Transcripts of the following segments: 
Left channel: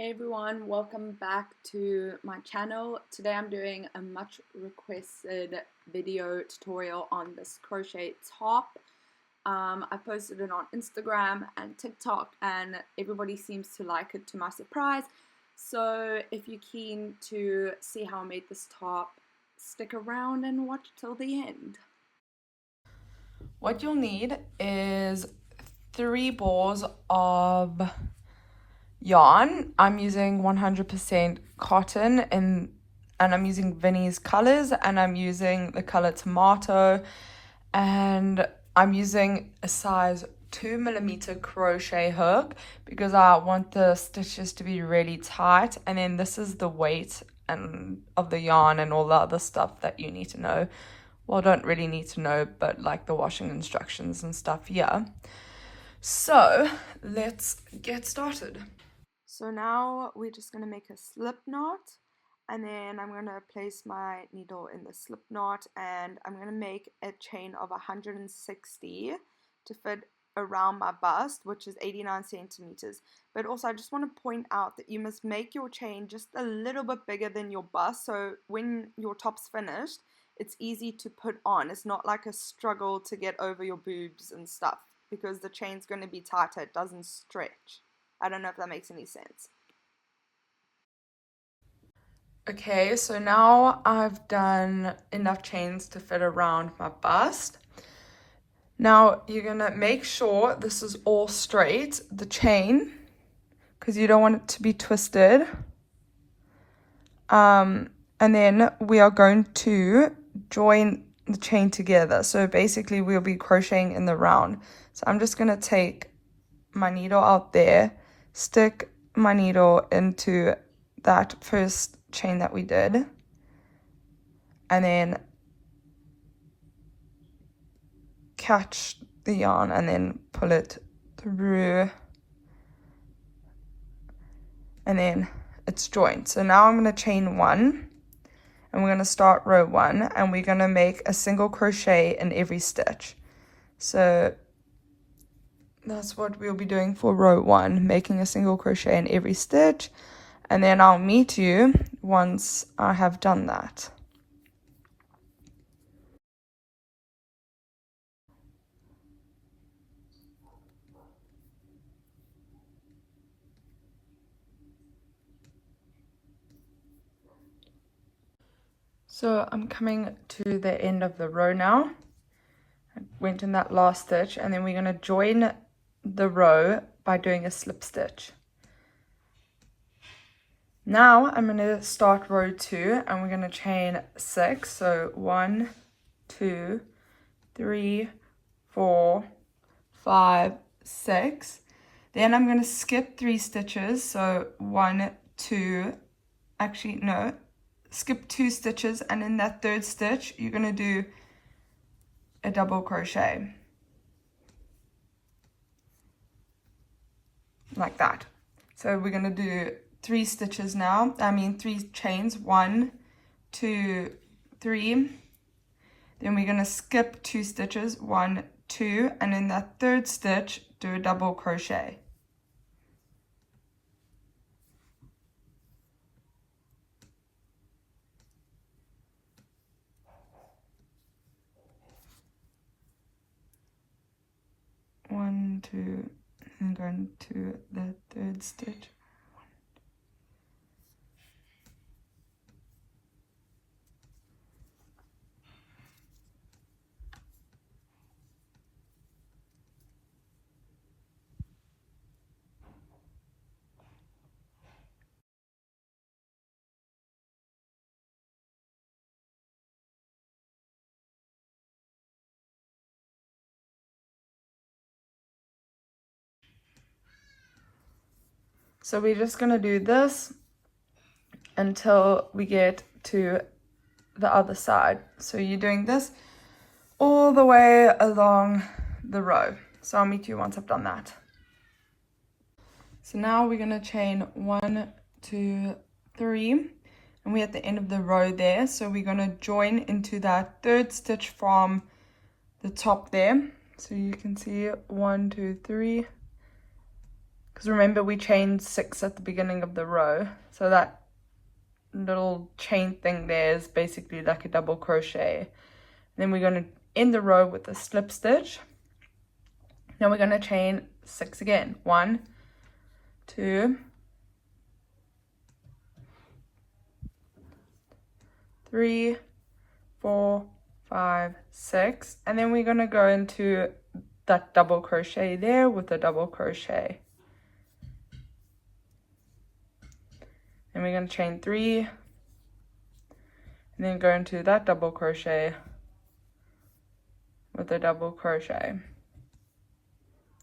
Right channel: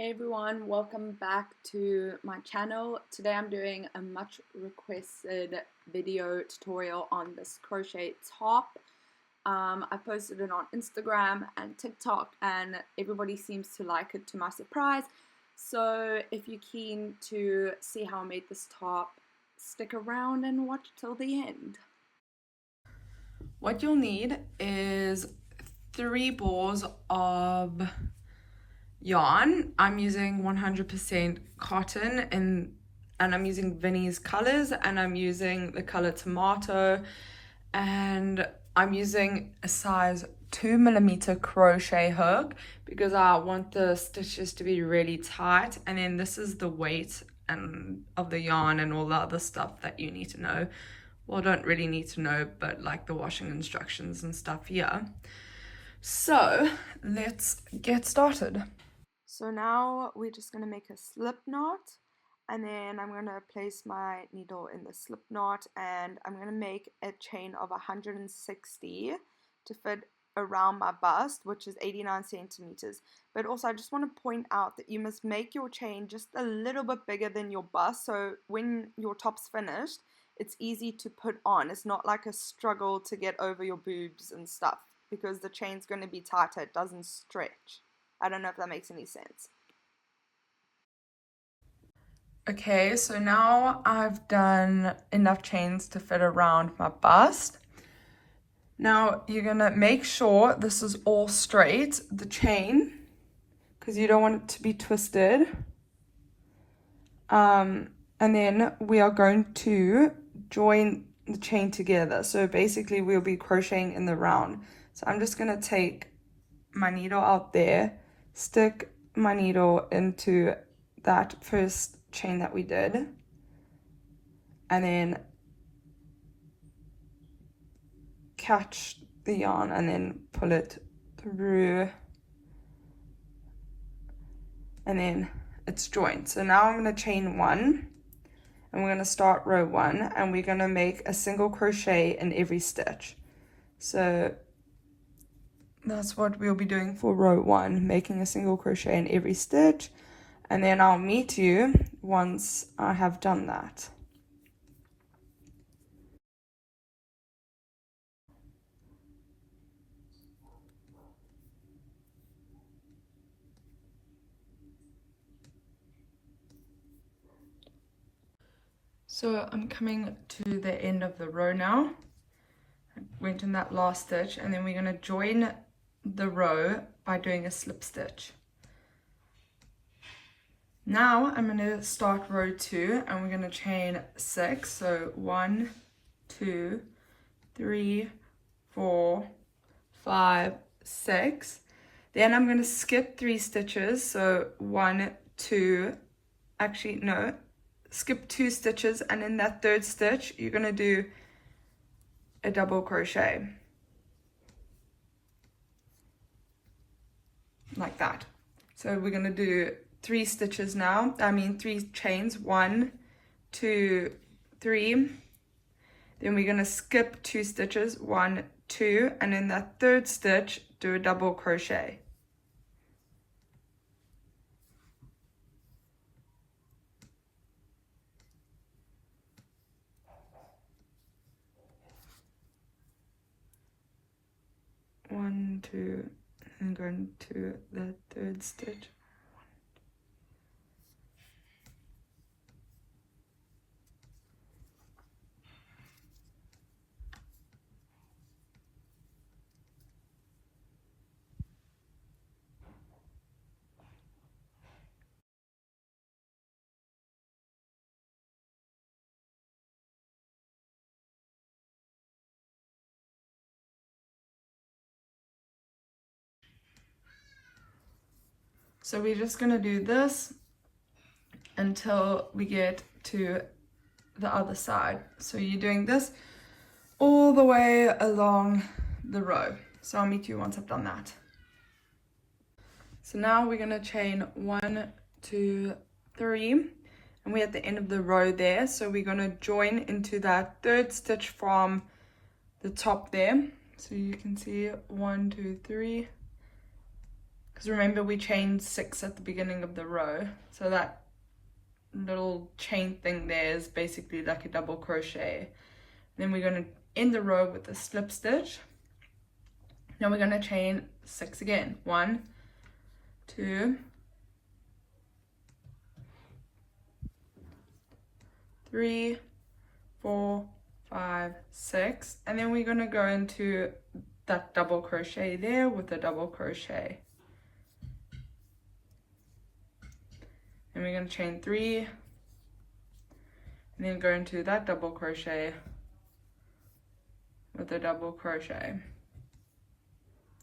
Hey everyone, welcome back to my channel. Today I'm doing a much requested video tutorial on this crochet top. I posted it on Instagram and TikTok and everybody seems to like it, to my surprise. So if you're keen to see how I made this top, stick around and watch till the end. What you'll need is 3 balls of yarn. I'm using 100% cotton and I'm using Vinnie's colors, and I'm using the color tomato, and I'm using a size 2mm crochet hook because I want the stitches to be really tight. And then this is the weight of the yarn and all the other stuff that you need to know. Well, don't really need to know, but like the washing instructions and stuff. Yeah, so let's get started. So now we're just going to make a slip knot, and then I'm going to place my needle in the slip knot, and I'm going to make a chain of 160 to fit around my bust, which is 89 centimeters. But also I just want to point out that you must make your chain just a little bit bigger than your bust, so when your top's finished it's easy to put on. It's not like a struggle to get over your boobs and stuff because the chain's going to be tighter, it doesn't stretch. I don't know if that makes any sense. Okay, so now I've done enough chains to fit around my bust. Now you're gonna make sure this is all straight, the chain, because you don't want it to be twisted. And then we are going to join the chain together. So basically we'll be crocheting in the round. So I'm just gonna take my needle out there, stick my needle into that first chain that we did, and then catch the yarn and then pull it through, and then it's joined. So now I'm going to chain 1 and we're going to start row 1, and we're going to make a single crochet in every stitch. So that's what we'll be doing for row 1, making a single crochet in every stitch, and then I'll meet you once I have done that. So I'm coming to the end of the row now. I went in that last stitch, and then we're going to join the row by doing a slip stitch. Now I'm going to start row 2 and we're going to chain 6. So 1, 2, 3, 4, 5, 6. Then I'm going to skip 3 stitches. So 1, 2, actually no, skip 2 stitches, and in that 3rd stitch you're going to do a double crochet like that. So we're going to do 3 stitches now, 3 chains, 1, 2, 3. Then we're going to skip 2 stitches, 1, 2, and in that 3rd stitch do a double crochet. One, 2, and going to the 3rd stitch. So we're just going to do this until we get to the other side. So you're doing this all the way along the row. So I'll meet you once I've done that. So now we're going to chain 1, 2, 3, and we're at the end of the row there. So we're going to join into that 3rd stitch from the top there. So you can see 1, 2, 3. because remember we chained 6 at the beginning of the row, so that little chain thing there is basically like a double crochet. Then we're going to end the row with a slip stitch. Now we're going to chain 6 again. 1, 2, 3, 4, 5, 6, and then we're going to go into that double crochet there with a double crochet. And we're going to chain 3 and then go into that double crochet with a double crochet.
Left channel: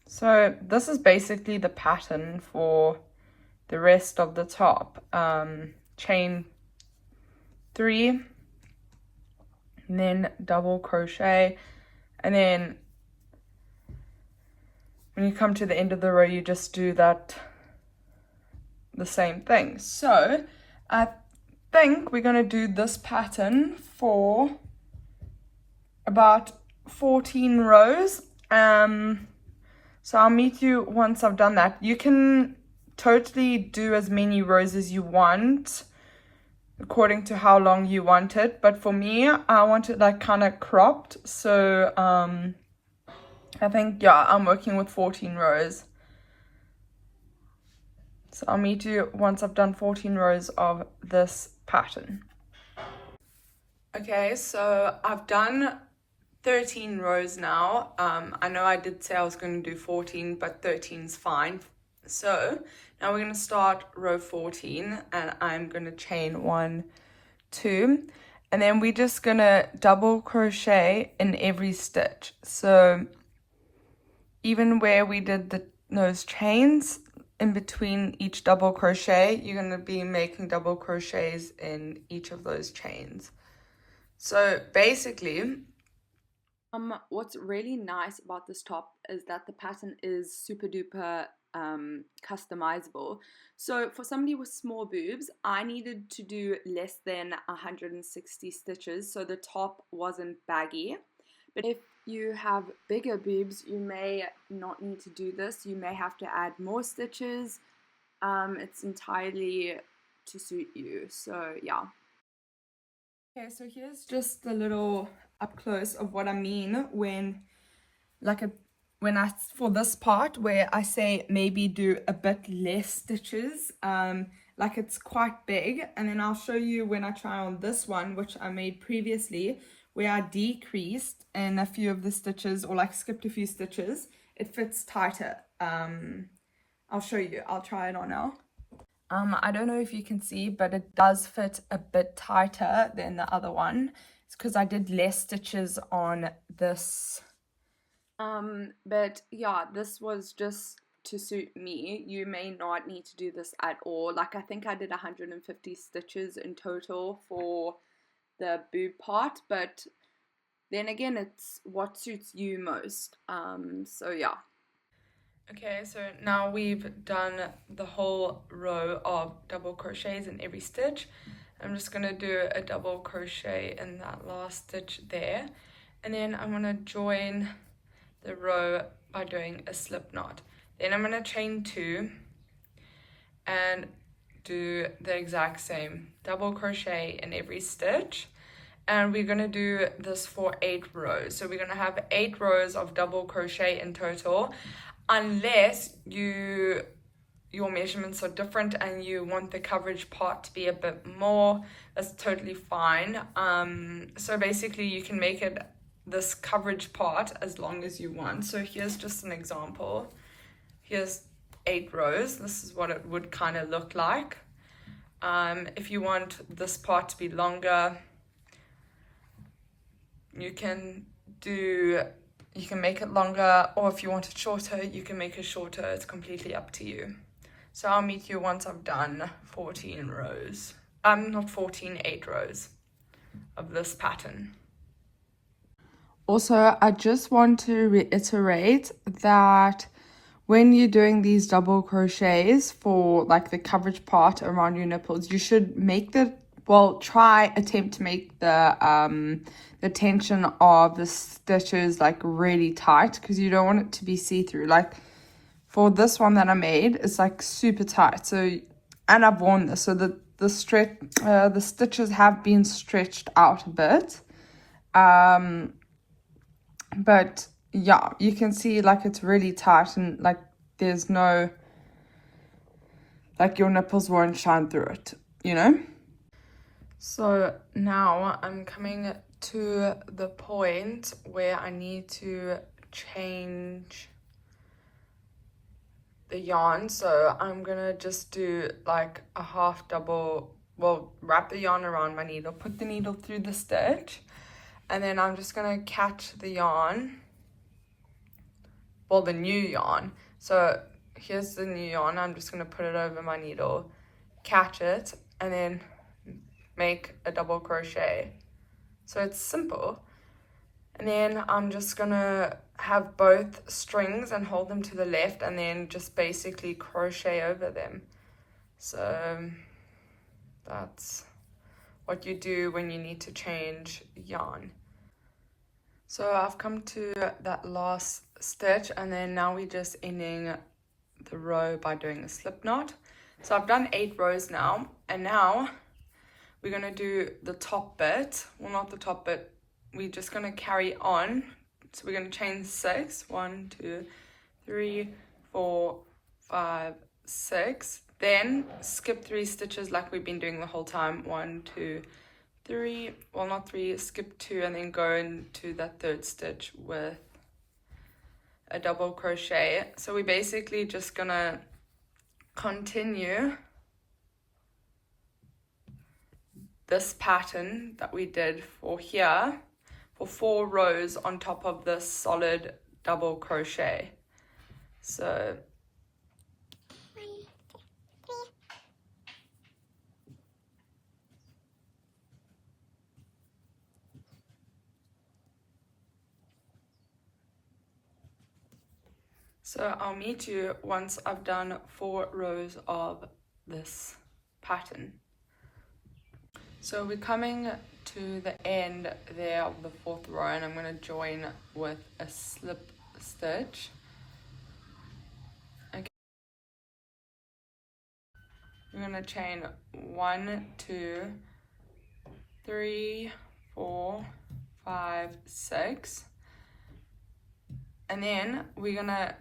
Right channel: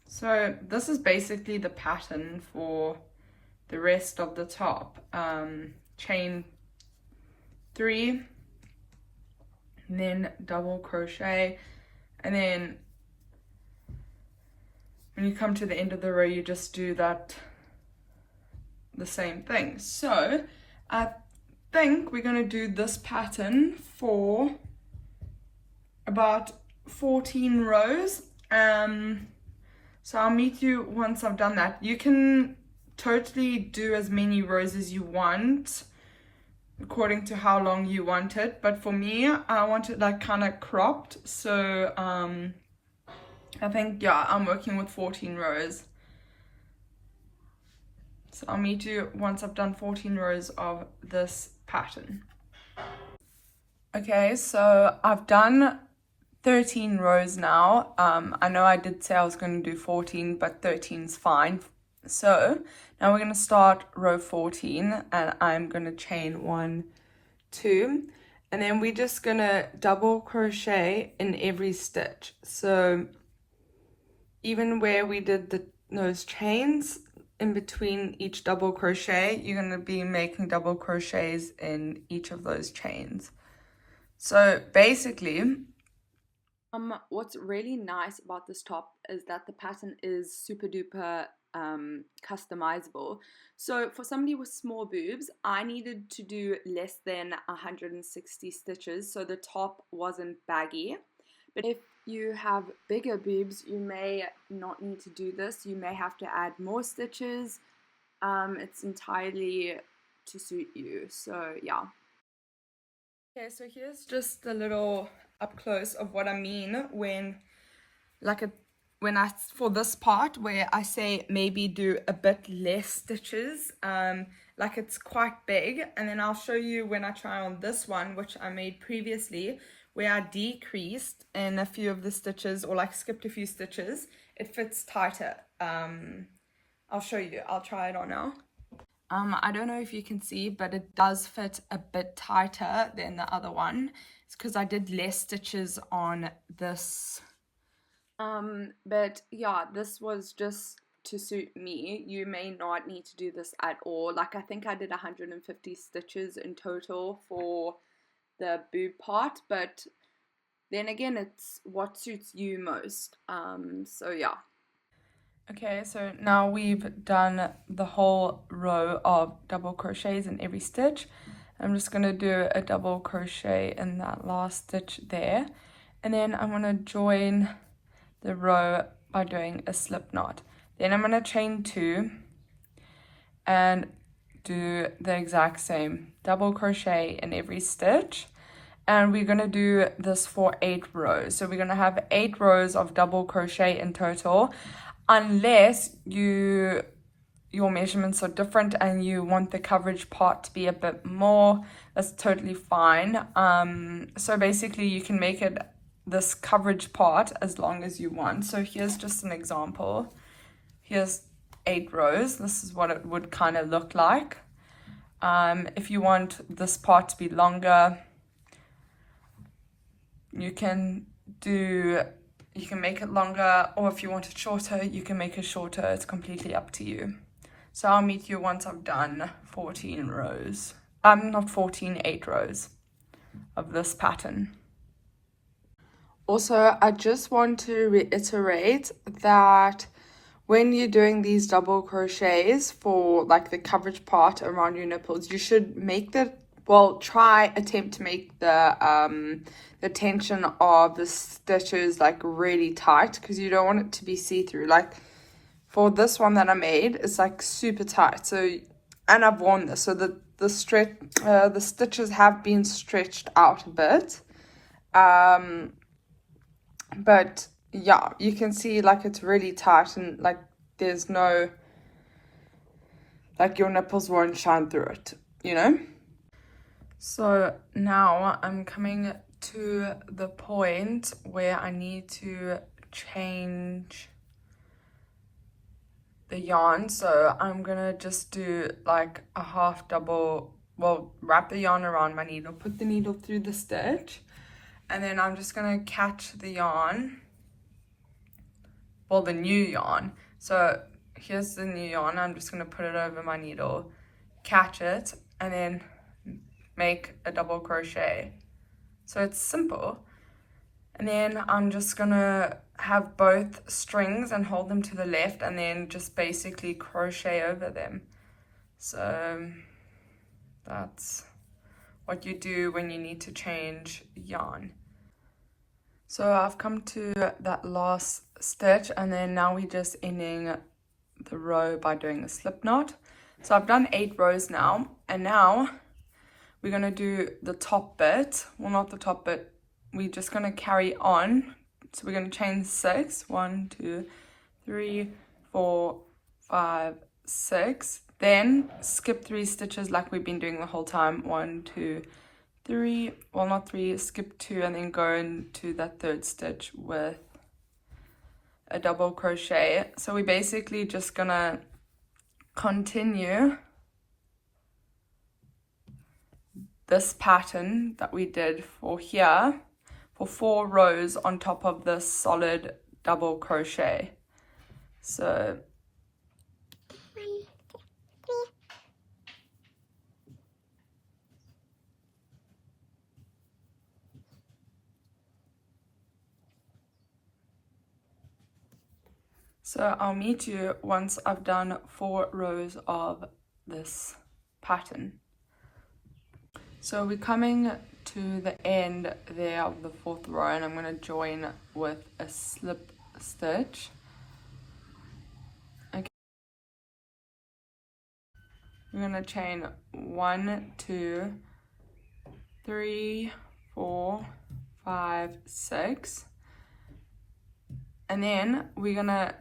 So this is basically the pattern for the rest of the top. Chain 3 and then double crochet, and then when you come to the end of the row you just do that the same thing. So I think we're going to do this pattern for about 14 rows. So I'll meet you once I've done that. You can totally do as many rows as you want according to how long you want it, but for me I want it like kind of cropped, so I think, yeah, I'm working with 14 rows. So I'll meet you once I've done 14 rows of this pattern. Okay, so I've done 13 rows now. I know I did say I was going to do 14, but 13 is fine. So now we're going to start row 14, and I'm going to chain 1, 2, and then we're just going to double crochet in every stitch. So even where we did those chains, in between each double crochet, you're going to be making double crochets in each of those chains. So basically, what's really nice about this top is that the pattern is super duper customizable. So for somebody with small boobs, I needed to do less than 160 stitches so the top wasn't baggy. But if you have bigger boobs, you may not need to do this. You may have to add more stitches. It's entirely to suit you. So yeah. Okay, so here's just a little up close of what I mean when for this part where I say maybe do a bit less stitches, like it's quite big, and then I'll show you when I try on this one, which I made previously, where I decreased in a few of the stitches or like skipped a few stitches. It fits tighter. I'll show you. I'll try it on now. I don't know if you can see, but it does fit a bit tighter than the other one. It's because I did less stitches on this. But yeah, this was just to suit me. You may not need to do this at all. Like I think I did 150 stitches in total for the boob part, but then again, it's what suits you most. So yeah. Okay, so now we've done the whole row of double crochets in every stitch. I'm just going to do a double crochet in that last stitch there, and then I'm going to join the row by doing a slip knot. Then I'm going to chain 2 and do the exact same double crochet in every stitch, and we're going to do this for 8 rows. So we're going to have 8 rows of double crochet in total, unless your measurements are different and you want the coverage part to be a bit more. That's totally fine. So basically you can make it this coverage part as long as you want. So here's just an example. Here's 8 rows. This is what it would kind of look like. If you want this part to be longer, you can make it longer, or if you want it shorter, you can make it shorter. It's completely up to you. So I'll meet you once I've done 14 rows. Not 14, 8 rows of this pattern. Also, I just want to reiterate that when you're doing these double crochets for like the coverage part around your nipples, you should make attempt to make the tension of the stitches like really tight, because you don't want it to be see-through. Like for this one that I made, it's like super tight. So, and I've worn this, so the stitches have been stretched out a bit. But yeah, you can see like it's really tight, and like there's no, like your nipples won't shine through it, you know? So now I'm coming to the point where I need to change the yarn. So I'm gonna just do like a half double, well, wrap the yarn around my needle, put the needle through the stitch, and then I'm just gonna catch the yarn, well, the new yarn. So here's the new yarn. I'm just gonna put it over my needle, catch it, and then make a double crochet. So it's simple. And then I'm just gonna have both strings and hold them to the left, and then just basically crochet over them. So that's what you do when you need to change yarn. So I've come to that last stitch, and then now we're just ending the row by doing a slip knot. So I've done 8 rows now, and now we're going to do the top bit. Well, not the top bit, we're just going to carry on. So we're going to chain 6, 1, 2, 3, 4, 5, 6, then skip 3 stitches like we've been doing the whole time. 1, 2, 3, well, not 3, skip 2, and then go into that 3rd stitch with a double crochet. So we're basically just gonna continue this pattern that we did for here for 4 rows on top of this solid double crochet. So I'll meet you once I've done 4 rows of this pattern. So we're coming to the end there of the 4th row, and I'm going to join with a slip stitch. Okay. We're going to chain 1, 2, 3, 4, 5, 6, and then we're going to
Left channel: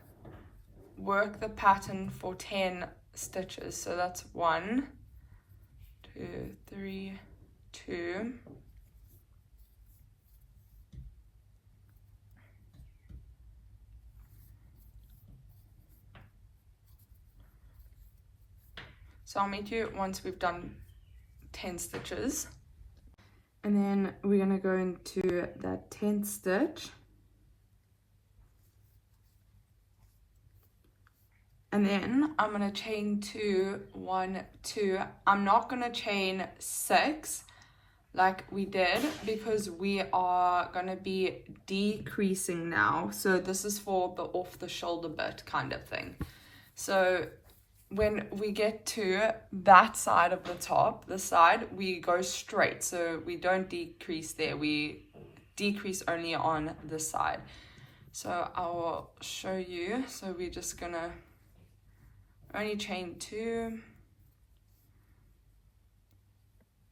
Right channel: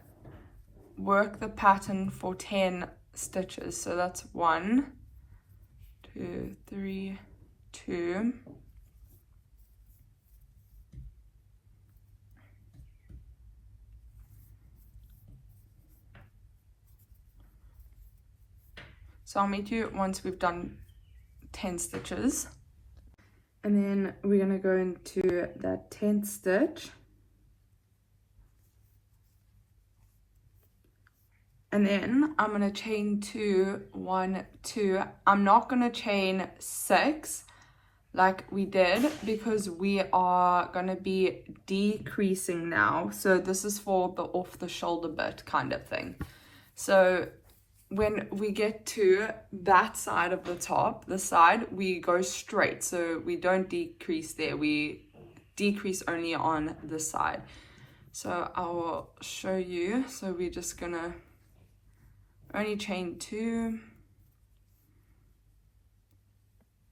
work the pattern for 10 stitches. So that's 1, 2, 3, 2, so I'll meet you once we've done 10 stitches, and then we're going to go into that 10th stitch, and then I'm going to chain 2, 1, 2. I'm not going to chain 6 like we did, because we are going to be decreasing now. So this is for the off the shoulder bit kind of thing. So when we get to that side of the top, this side, we go straight. So we don't decrease there. We decrease only on this side. So I will show you. So we're just going to only chain 2.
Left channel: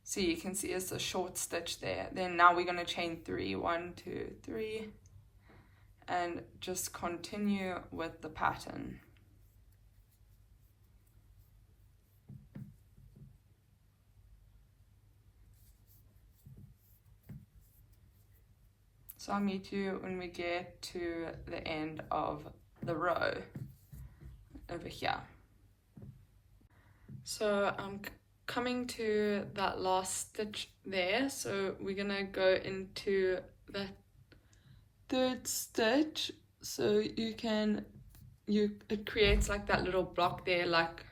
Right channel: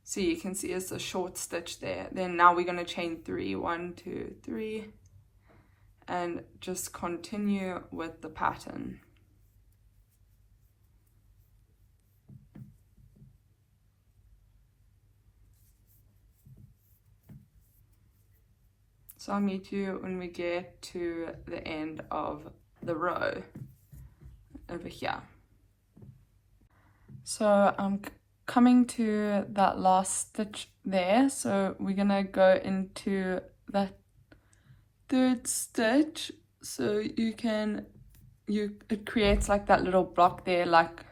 So you can see it's a short stitch there. Then now we're going to chain 3, 1, 2, 3, and just continue with the pattern. So I'll meet you when we get to the end of the row over here. So I'm coming to that last stitch there. So we're gonna go into that 3rd stitch. So it creates like that little block there, like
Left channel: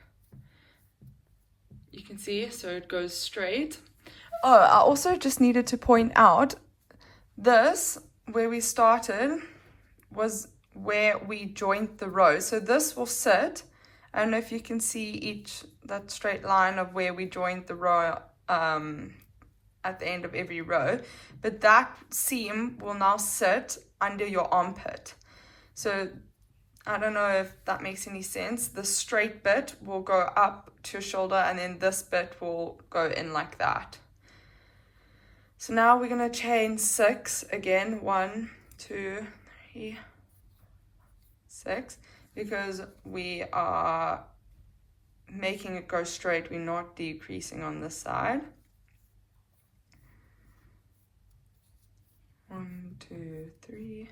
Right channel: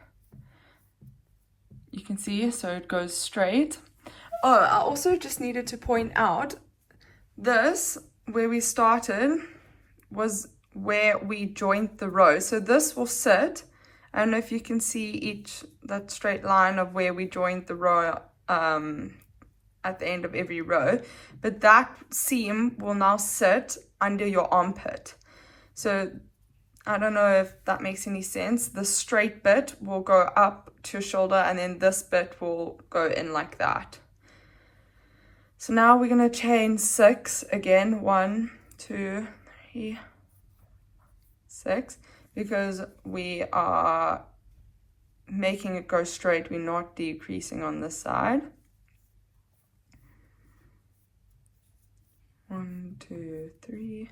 you can see, so it goes straight. Oh, I also just needed to point out this, where we started, was where we joined the row. So this will sit. I don't know if you can see that straight line of where we joined the row at the end of every row, but that seam will now sit under your armpit. So I don't know if that makes any sense. The straight bit will go up to your shoulder and then this bit will go in like that. So now we're going to chain 6 again. 1, 2, 3, 6, because we are making it go straight. We're not decreasing on this side. 1, 2, 3.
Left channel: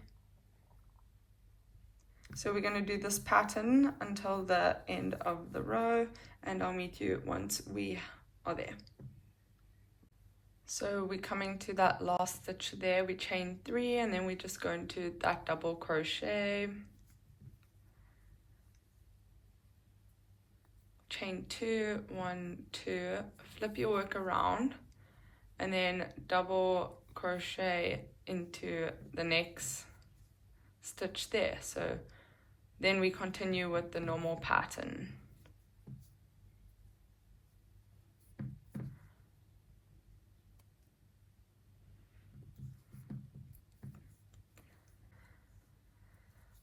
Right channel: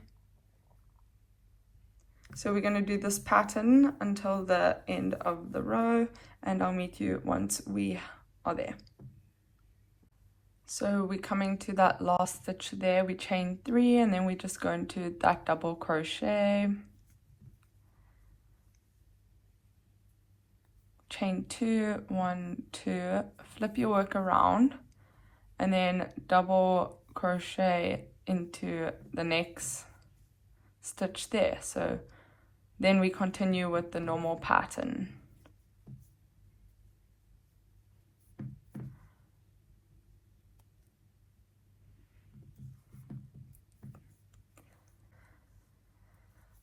So we're going to do this pattern until the end of the row, and I'll meet you once we are there. So we're coming to that last stitch there. We chain 3 and then we just go into that double crochet, chain 2, 1, 2, flip your work around and then double crochet into the next stitch there. So then we continue with the normal pattern.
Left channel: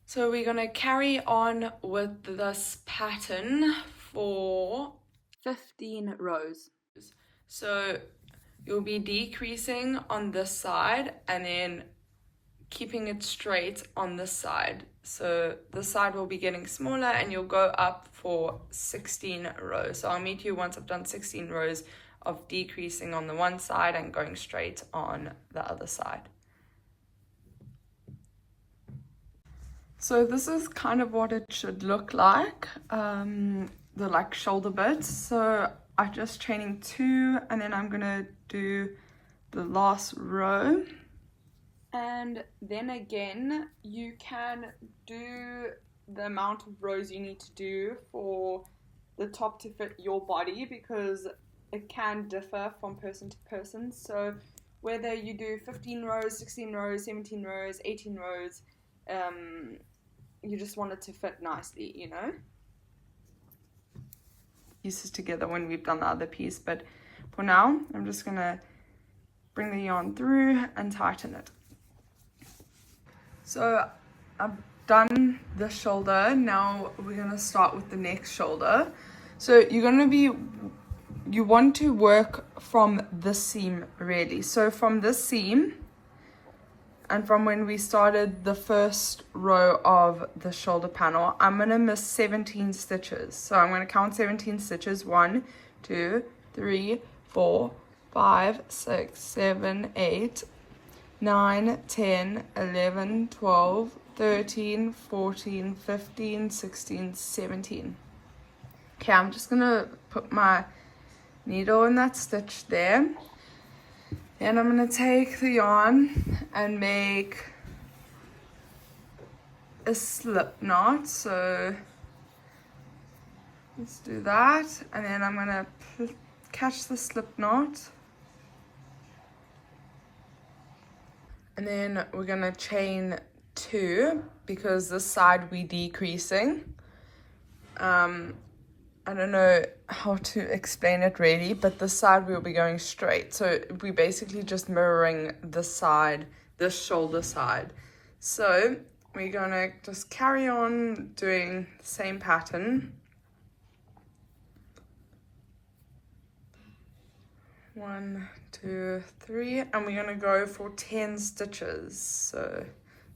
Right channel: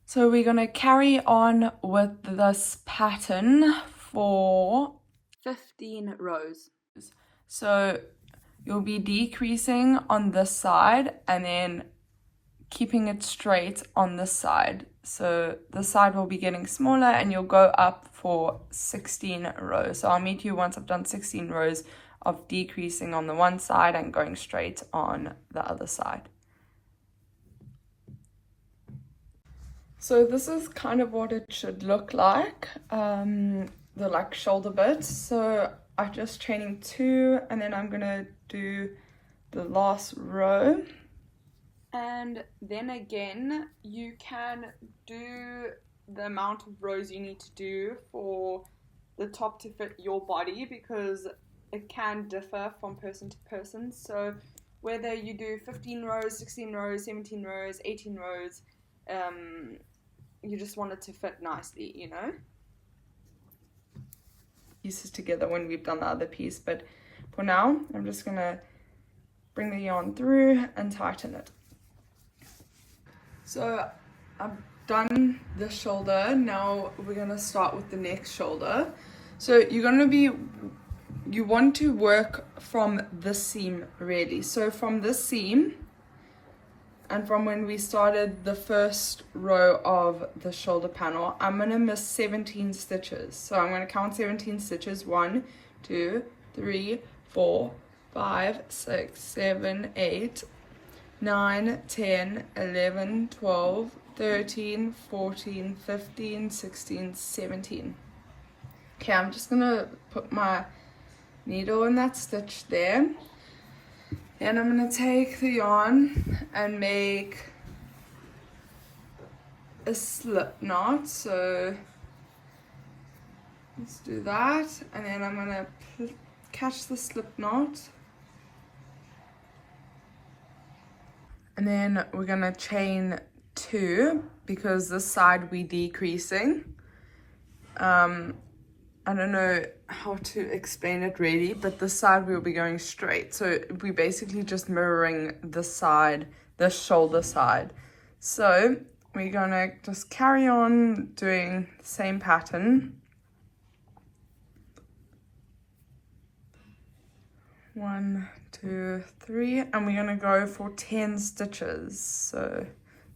So we're going to carry on with this pattern for 15 rows. So you'll be decreasing on this side and then keeping it straight on this side. So this side will be getting smaller and you'll go up for 16 rows. So I'll meet you once I've done 16 rows of decreasing on the one side and going straight on the other side. So this is kind of what it should look like, the shoulder bits. So I'm just chaining 2 and then I'm gonna do the last row. And then again, you can do the amount of rows you need to do for the top to fit your body, because it can differ from person to person. So whether you do 15 rows, 16 rows, 17 rows, 18 rows, you just want it to fit nicely, you know. Pieces together when we've done the other piece, but for now, I'm just gonna bring the yarn through and tighten it. So I've done the shoulder. Now we're gonna start with the next shoulder. So you want to work from this seam really. So from this seam, and from when we started the first row of the shoulder panel, I'm gonna miss 17 stitches. So I'm gonna count 17 stitches. 1, 2, 3, 4, 5, 6, 7, 8, 9, 10, 11, 12, 13, 14, 15, 16, 17. Okay, I'm just gonna put my needle in that stitch there. And I'm gonna take the yarn and make a slip knot. So let's do that. And then I'm gonna catch the slip knot. And then we're gonna chain 2 because this side we're decreasing. I don't know how to explain it really, but this side we'll be going straight. So we're basically just mirroring this side, this shoulder side. So we're gonna just carry on doing the same pattern. 1, 2, 3, and we're gonna go for 10 stitches. So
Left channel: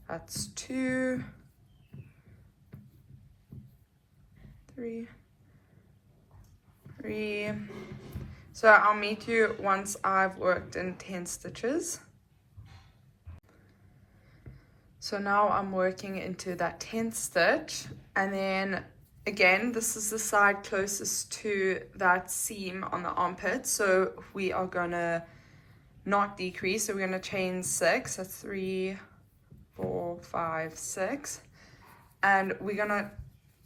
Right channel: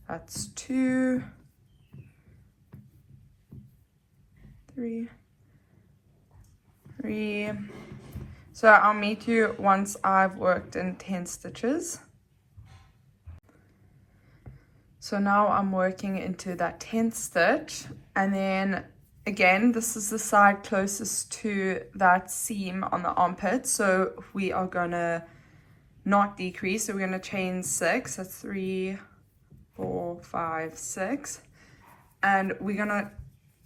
that's 2, 3, 3. So I'll meet you once I've worked in 10 stitches. So now I'm working into that 10th stitch, and then again, this is the side closest to that seam on the armpit. So we are gonna not decrease. So we're gonna chain 6. That's 3, 4, 5, 6, and we're gonna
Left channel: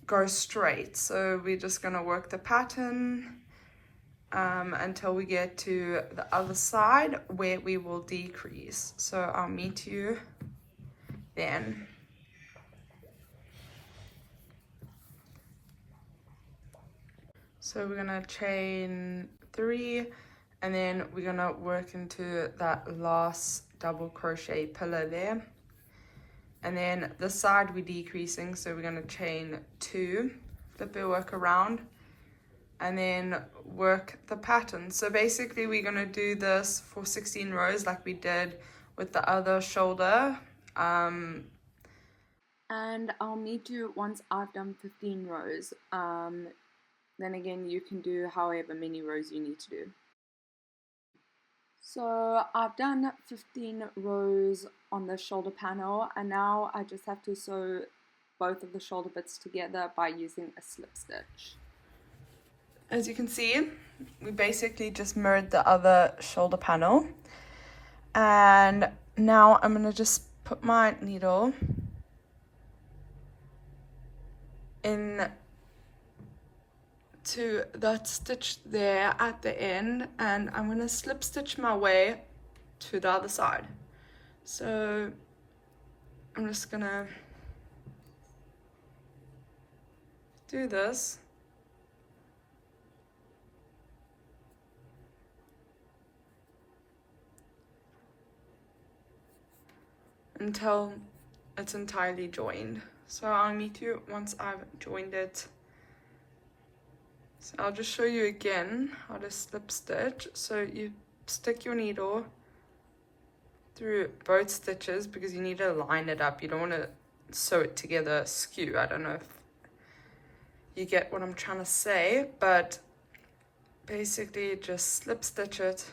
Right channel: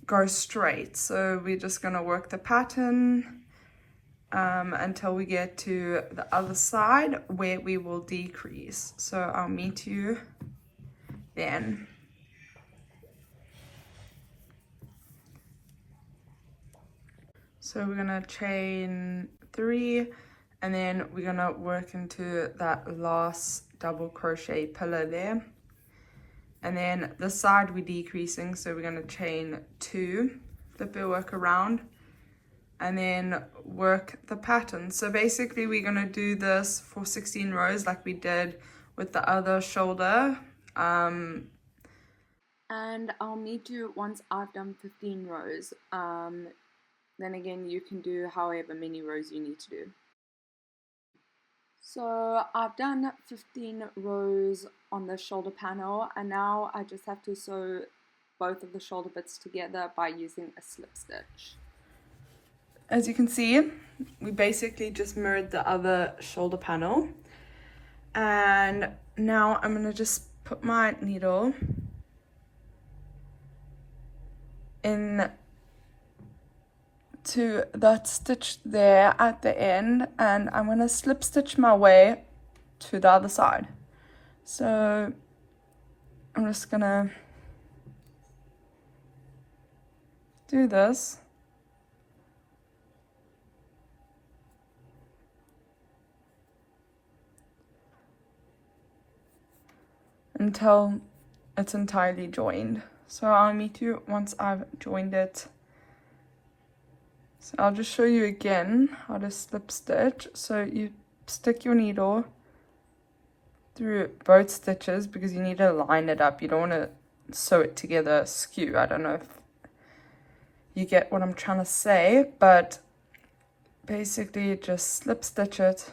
go straight. So we're just gonna work the pattern until we get to the other side where we will decrease. So I'll meet you then. So we're gonna chain 3 and then we're gonna work into that last double crochet pillar there. And then this side we're decreasing, so we're going to chain 2, flip your work around, and then work the pattern. So basically we're going to do this for 16 rows like we did with the other shoulder. And I'll meet you once I've done 15 rows. Then again, you can do however many rows you need to do. So I've done 15 rows on the shoulder panel, and now I just have to sew both of the shoulder bits together by using a slip stitch. As you can see, we basically just mirrored the other shoulder panel, and now I'm going to just put my needle in to that stitch there at the end, and I'm going to slip stitch my way to the other side. So I'm just going to do this. Until it's entirely joined. So I'll meet you once I've joined it. So I'll just show you again how to slip stitch. So you stick your needle through both stitches because you need to line it up. You don't want to sew it together skew. I don't know if you get what I'm trying to say, but basically just slip stitch it.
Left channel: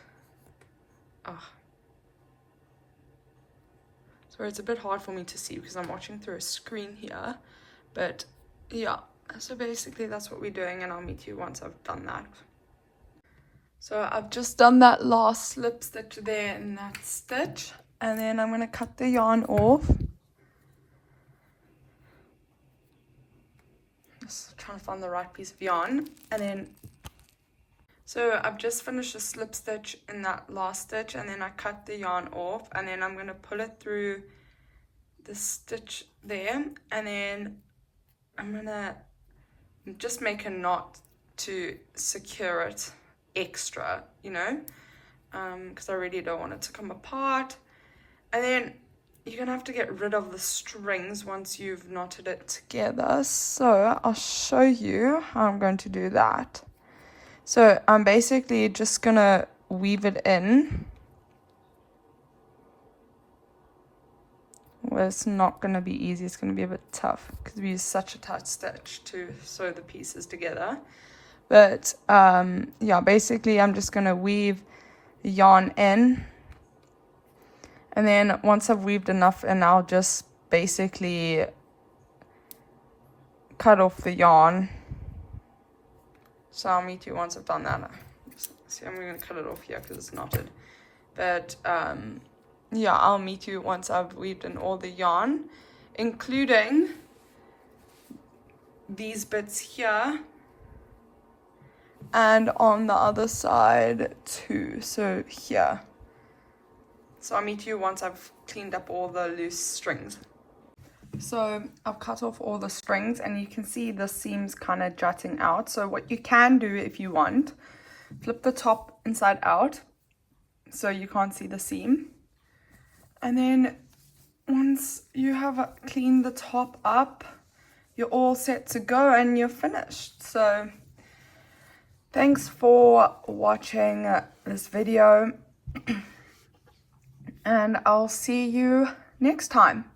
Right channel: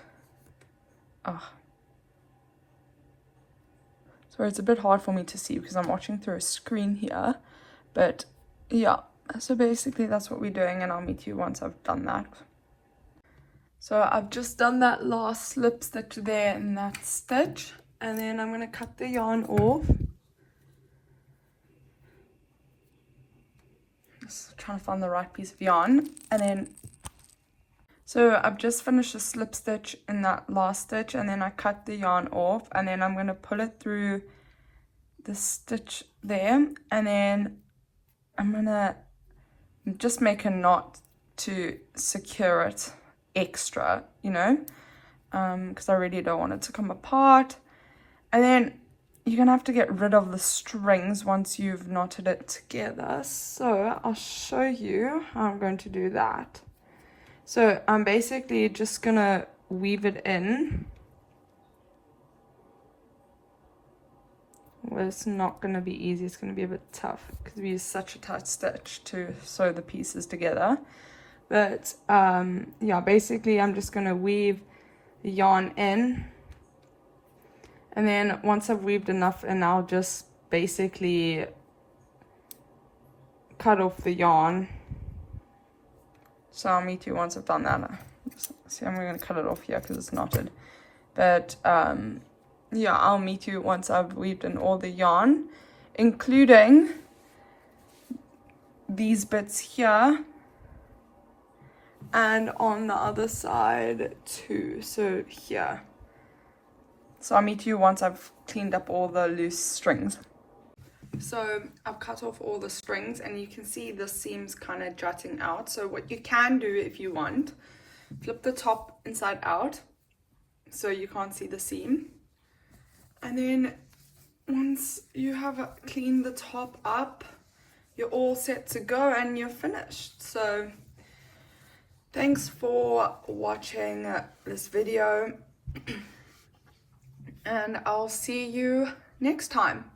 So it's a bit hard for me to see because I'm watching through a screen here, but yeah. So basically that's what we're doing, and I'll meet you once I've done that. So I've just done that last slip stitch there in that stitch, and then I'm going to cut the yarn off. Just trying to find the right piece of yarn, and then so I've just finished a slip stitch in that last stitch, and then I cut the yarn off, and then I'm going to pull it through the stitch there, and then I'm going to just make a knot to secure it extra, you know, because I really don't want it to come apart. And then you're gonna have to get rid of the strings once you've knotted it together. So I'll show you how I'm going to do that. So I'm basically just gonna weave it in. Well, it's not going to be easy, it's going to be a bit tough because we use such a tight stitch to sew the pieces together. But yeah, basically I'm just going to weave the yarn in, and then once I've weaved enough in, I'll just basically cut off the yarn. So I'll meet you once I've done that. See, I'm going to cut it off here because it's knotted. But yeah, I'll meet you once I've weaved in all the yarn, including these bits here and on the other side too, so here. So I'll meet you once I've cleaned up all the loose strings. So I've cut off all the strings, and you can see the seams kind of jutting out. So what you can do if you want, flip the top inside out so you can't see the seam. And then once you have cleaned the top up, you're all set to go and you're finished. So thanks for watching this video, and I'll see you next time.